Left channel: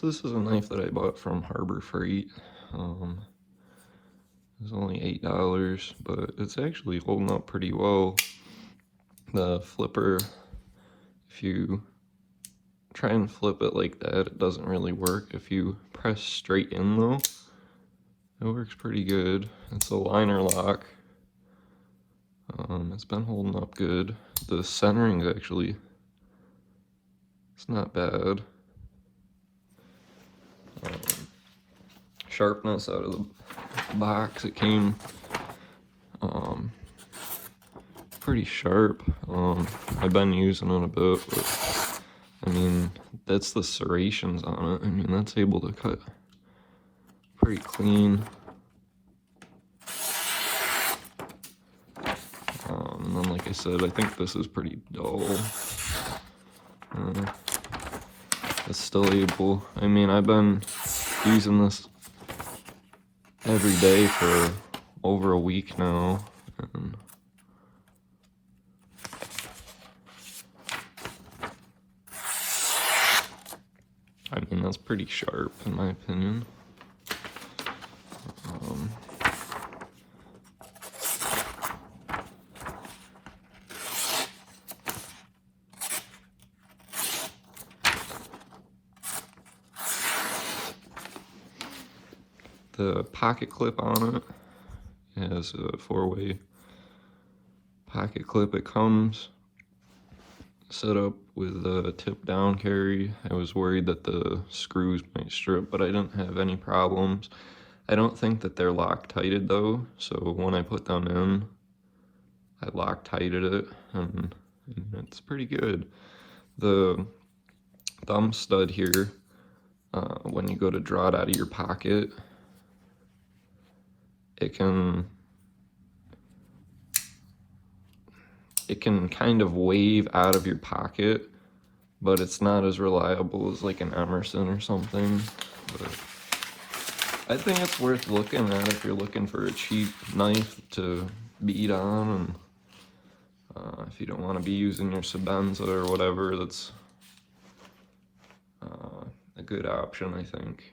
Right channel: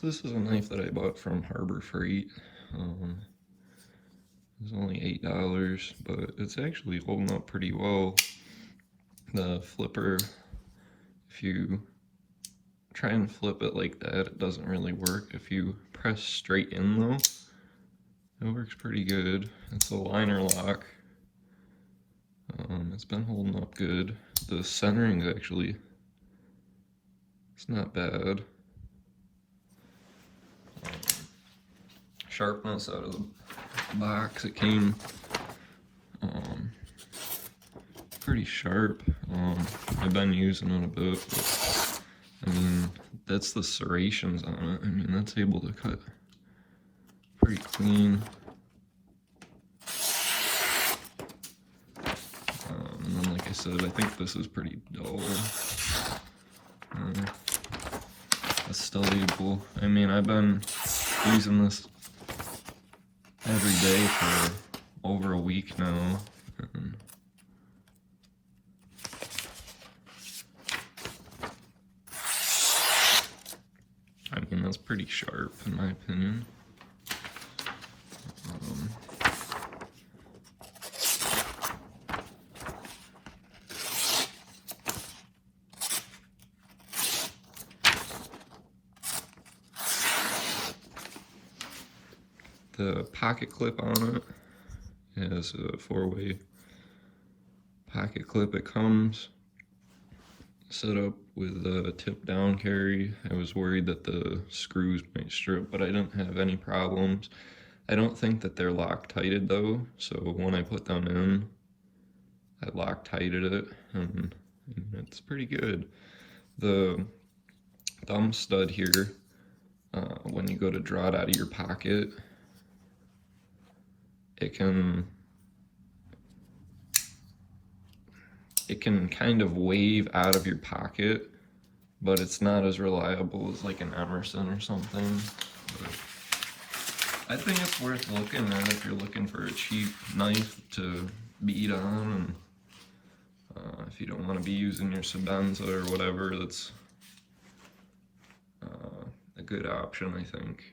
So this is a knife that I bought from Harbor Freight. It was only $8, but it's actually holding up pretty well. The flipper, if you try and flip it like that, it doesn't really work. If you press straight in though, it works pretty good. It's a liner lock. It's been holding up good. The centering is actually, it's not bad. Sharpness out of the box, it came pretty sharp. I've been using it a bit, but I mean, that's the serrations on it. I mean, that's able to cut pretty clean. And then, like I said, I think this is pretty dull. It's still able, I mean, I've been using this every day for over a week now. And I mean, that's pretty sharp in my opinion. The pocket clip on it has a 4-way pocket clip. It comes set up with a tip down carry. I was worried that the screws might strip, but I didn't have any problems. I don't think that they're Loctited though, so when I put them in, I Loctited it, and it's pretty good. The thumb stud here, when you go to draw it out of your pocket, it can kind of wave out of your pocket, but it's not as reliable as like an Emerson or something. But I think it's worth looking at if you're looking for a cheap knife to beat on, and if you don't want to be using your Sebenza or whatever, that's a good option, I think.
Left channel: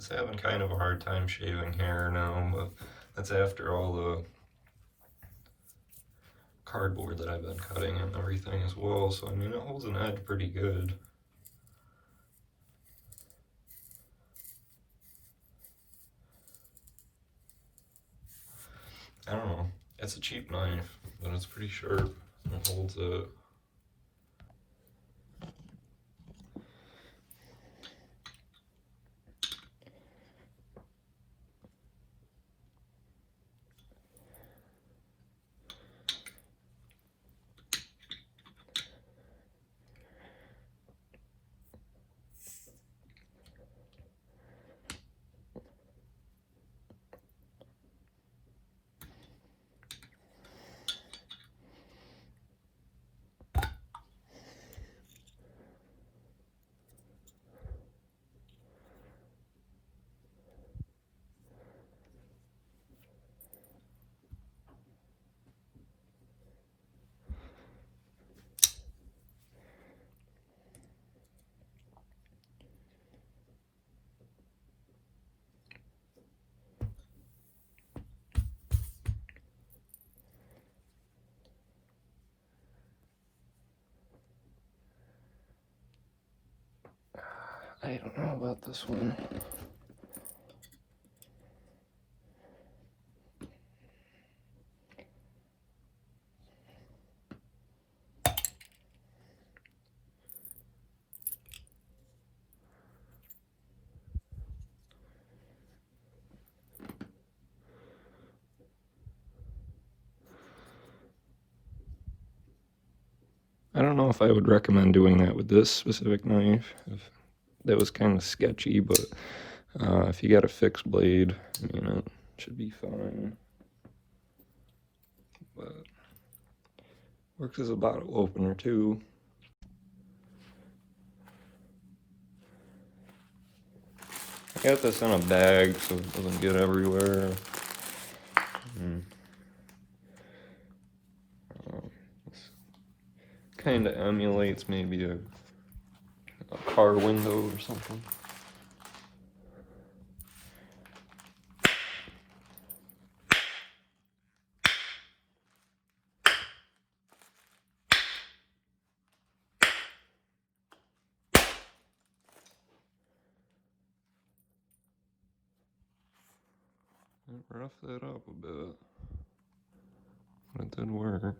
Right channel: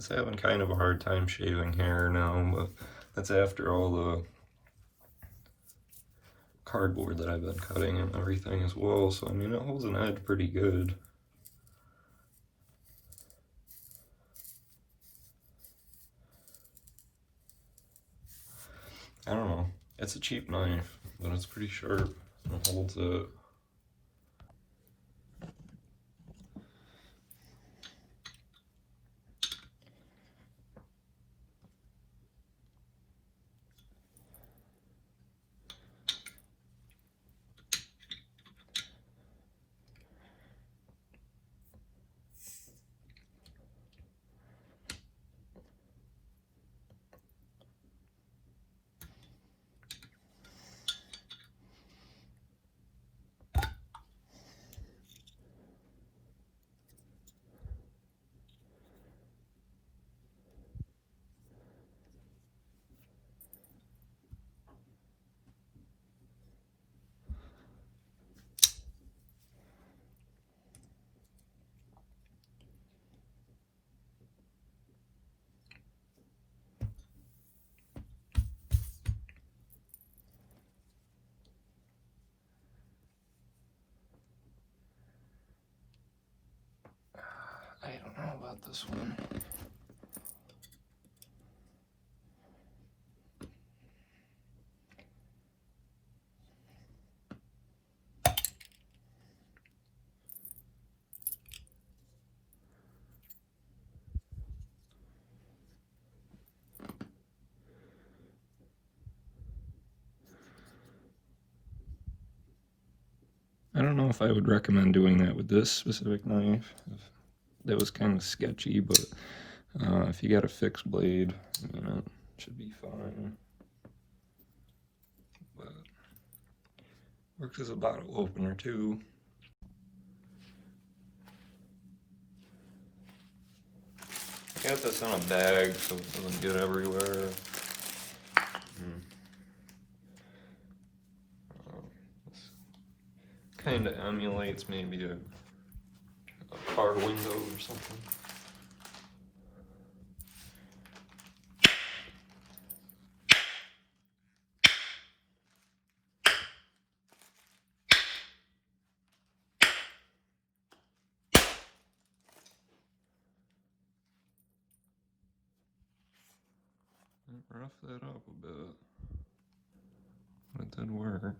It's having kind of a hard time shaving hair now, but that's after all the cardboard that I've been cutting and everything as well, so I mean it holds an edge pretty good. I don't know, it's a cheap knife, but it's pretty sharp and it holds it. I don't know about this one. I don't know if I would recommend doing that with this specific knife. That was kind of sketchy, but if you got a fixed blade, I mean, it should be fine. But works as a bottle opener too. I got this in a bag so it doesn't get everywhere. Kind of emulates maybe a car window or something. Rough that up a bit. It did work.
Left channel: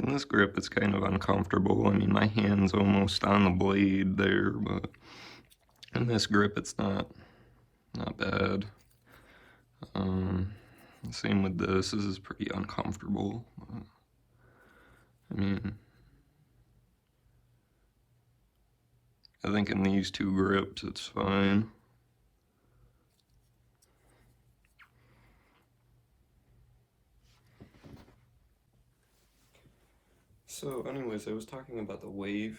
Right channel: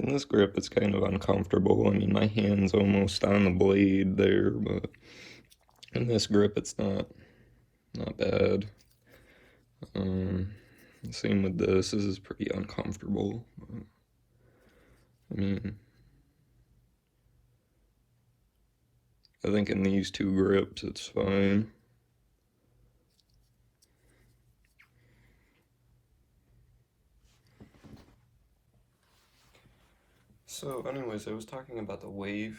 In this grip, it's kind of uncomfortable. I mean, my hand's almost on the blade there, but in this grip, it's not bad. Same with this. This is pretty uncomfortable. I mean, I think in these two grips, it's fine. So anyways, I was talking about the wave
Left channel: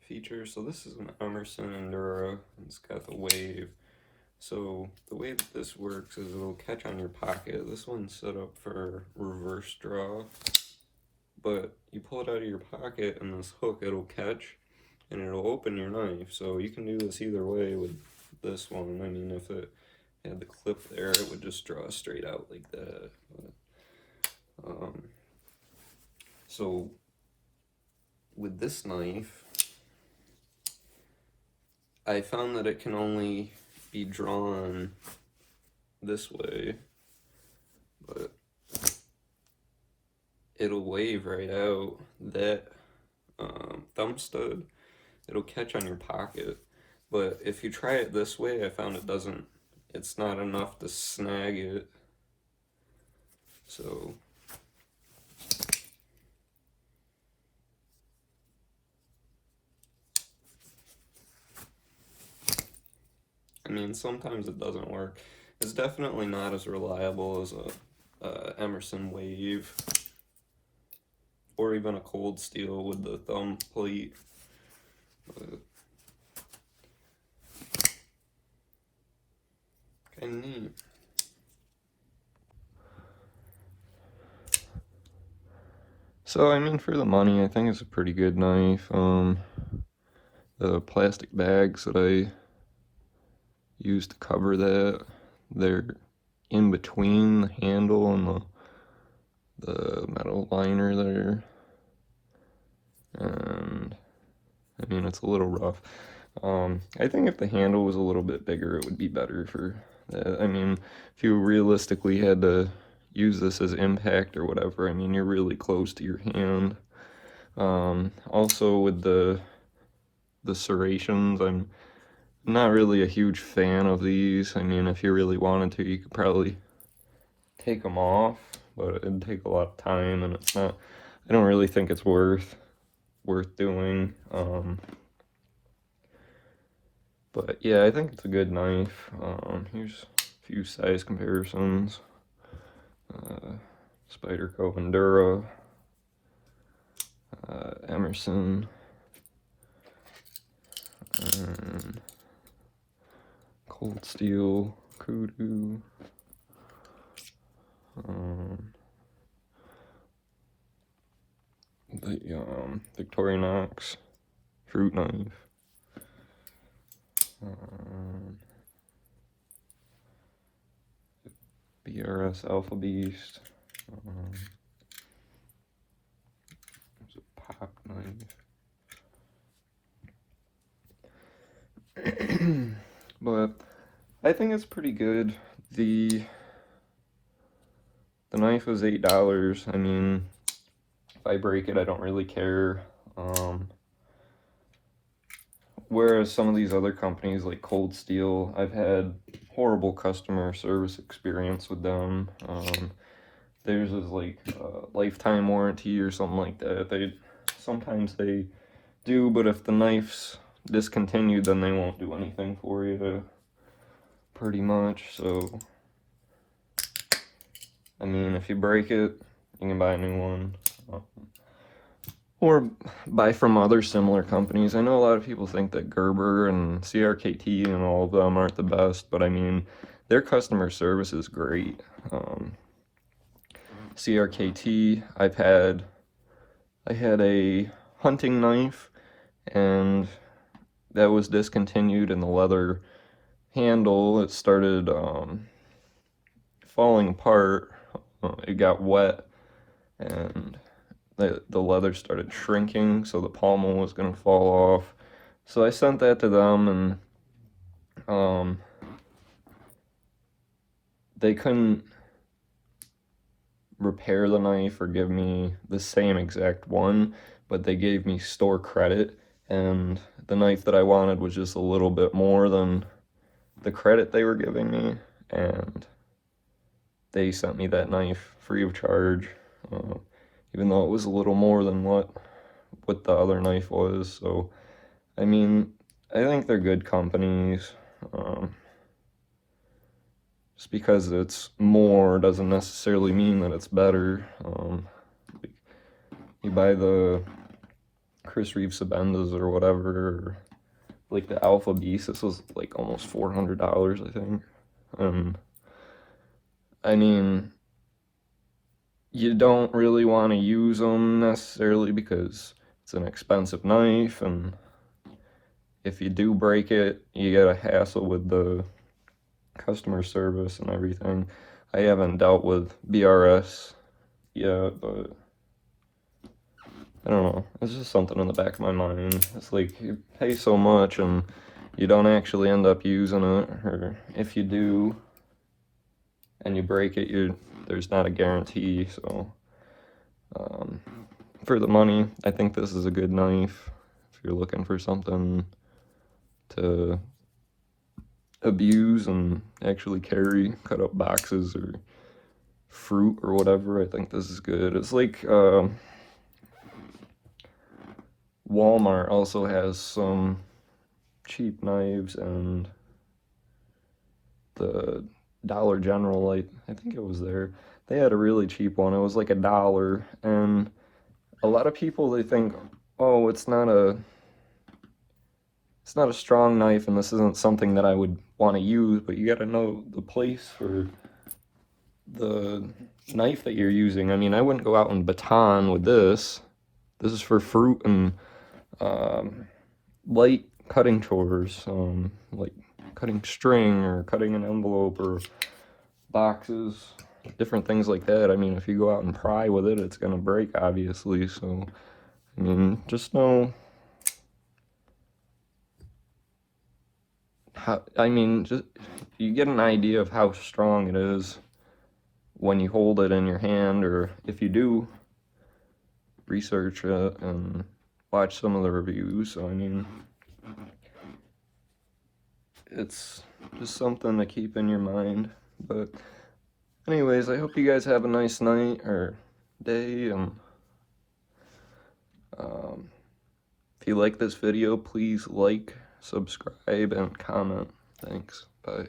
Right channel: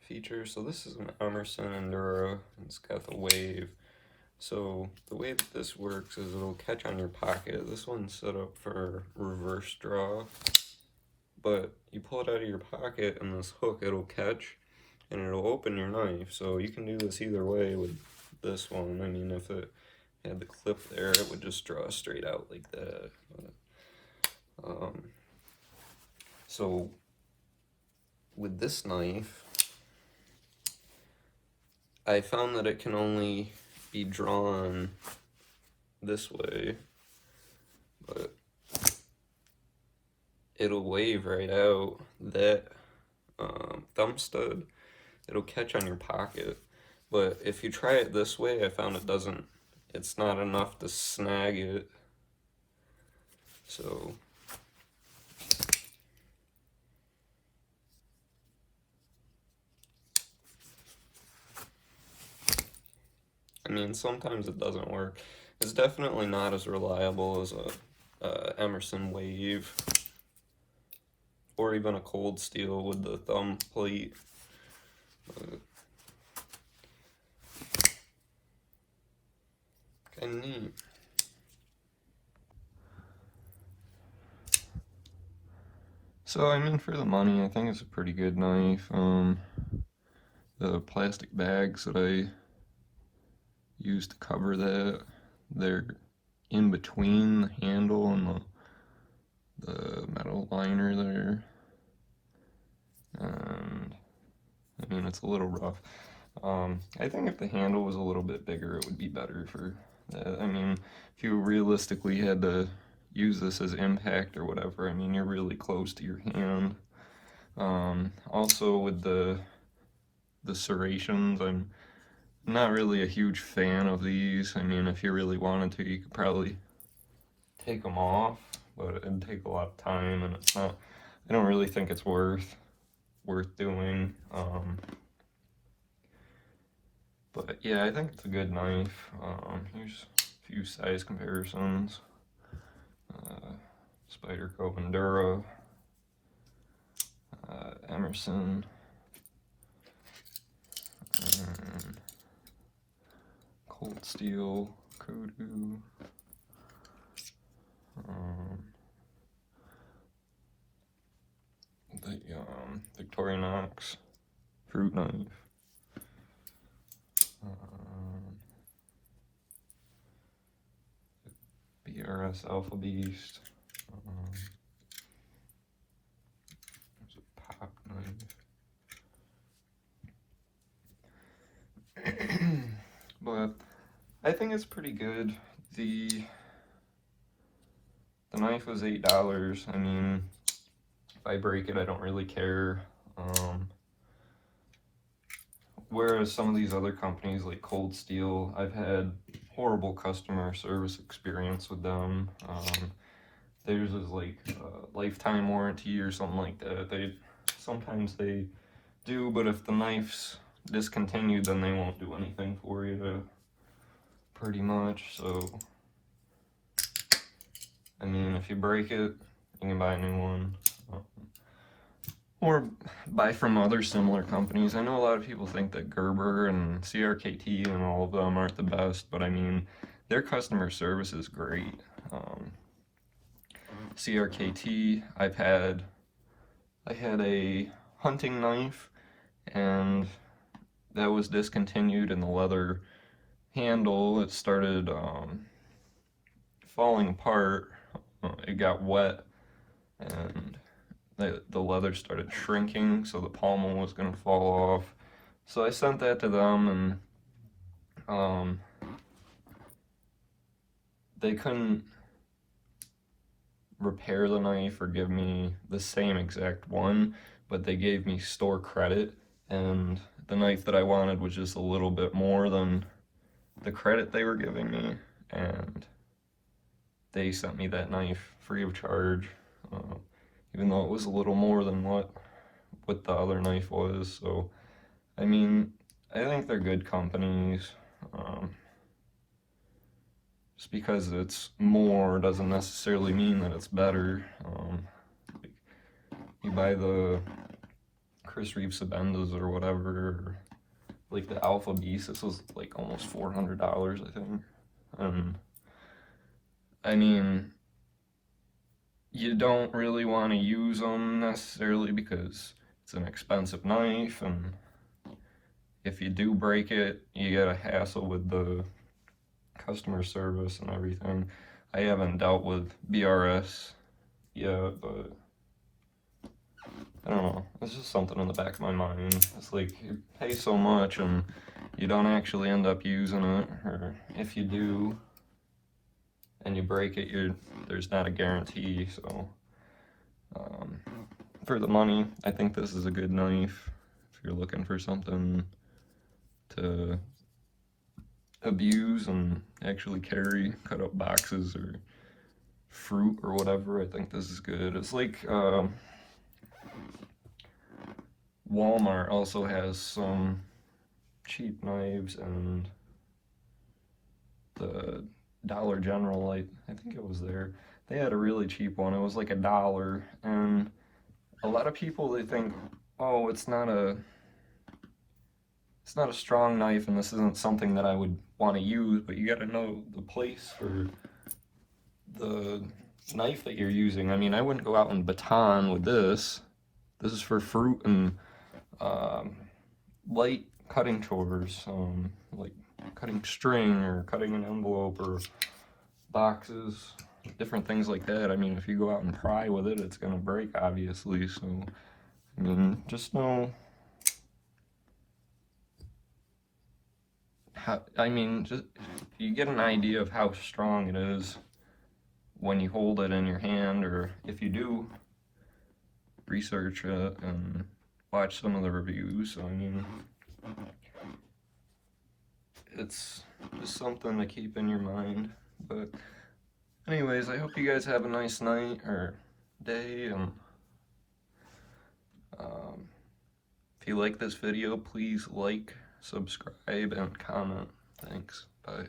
feature. So this is an Emerson Enduro. It's got the wave. So the way that this works is it'll catch on your pocket. This one's set up for reverse draw, but you pull it out of your pocket and this hook, it'll catch and it'll open your knife. So you can do this either way with this one. I mean, if it had the clip there, it would just draw straight out like that. But, so with this knife, I found that it can only be drawn this way, but it'll wave right out. That thumb stud, it'll catch on your pocket, but if you try it this way, I found it doesn't it's not enough to snag it. So I mean, sometimes it doesn't work. It's definitely not as reliable as a Emerson Wave or even a Cold Steel with the thumb plate. Kind of neat. So, I mean, for the money, I think it's a pretty good knife. The plastic bags that I use to cover that, they're in between the handle and the metal liner there. And, I mean, it's a little rough. I think if the handle was a little bit bigger, it would be better for that. I mean, if you realistically had to use this as impact or whatever, I mean, you're really close to your hand. Also with the serrations, I'm not really a huge fan of these. I mean, if you really wanted to, you could probably take them off, but it'd take a lot of time, and it's not, I don't really think it's worth doing. But yeah, I think it's a good knife. Here's a few size comparisons. Spyderco Endura, Emerson, and Cold Steel, Kudu, the Victorinox fruit knife, BRS Alpha Beast, there's a pop knife. But I think it's pretty good. The knife was $8. I mean, if I break it, I don't really care. Whereas some of these other companies like Cold Steel, I've had horrible customer service experience with them. Theirs is like a lifetime warranty or something like that. Sometimes they do, but if the knife's discontinued, then they won't do anything for you, pretty much. So, I mean, if you break it, you can buy a new one. Or buy from other similar companies. I know a lot of people think that Gerber and CRKT and all of them aren't the best, but I mean, their customer service is great. CRKT, I had a hunting knife, and that was discontinued, and the leather handle, it started falling apart. It got wet, and the leather started shrinking, so the pommel was going to fall off. So I sent that to them, and they couldn't repair the knife or give me the same exact one, but they gave me store credit, and the knife that I wanted was just a little bit more than the credit they were giving me, and they sent me that knife free of charge. Even though it was a little more than what the other knife was. So, I mean, I think they're good companies. Just because it's more doesn't necessarily mean that it's better. You buy the Chris Reeve Sabendas or whatever, or like the Alpha Beast, this was like almost $400, I think. And I mean, you don't really want to use them necessarily because it's an expensive knife, and if you do break it, you get a hassle with the customer service and everything. I haven't dealt with BRS yet, but I don't know. It's just something in the back of my mind. It's like you pay so much and you don't actually end up using it, or if you do and you break it, there's not a guarantee. So for the money, I think this is a good knife if you're looking for something to abuse and actually carry, cut up boxes or fruit or whatever. I think this is good. It's like Walmart also has some cheap knives, and the Dollar General, I think it was there. They had a really cheap one. It was like $1, and a lot of people, they think, oh, it's not a strong knife, and this isn't something that I would want to use, but you got to know the place for the knife that you're using. I mean, I wouldn't go out and baton with this. This is for fruit and um, light cutting chores, like cutting string or cutting an envelope or boxes, different things like that. I mean, if you go out and pry with it, it's gonna break, obviously. So, I mean, just know how, I mean, just you get an idea of how strong it is when you hold it in your hand, or if you do research it and watch some of the reviews. So, I mean, it's just something to keep in your mind. But anyways, I hope you guys have a nice night or day, and if you like this video, please like, subscribe, and comment. Thanks. Bye.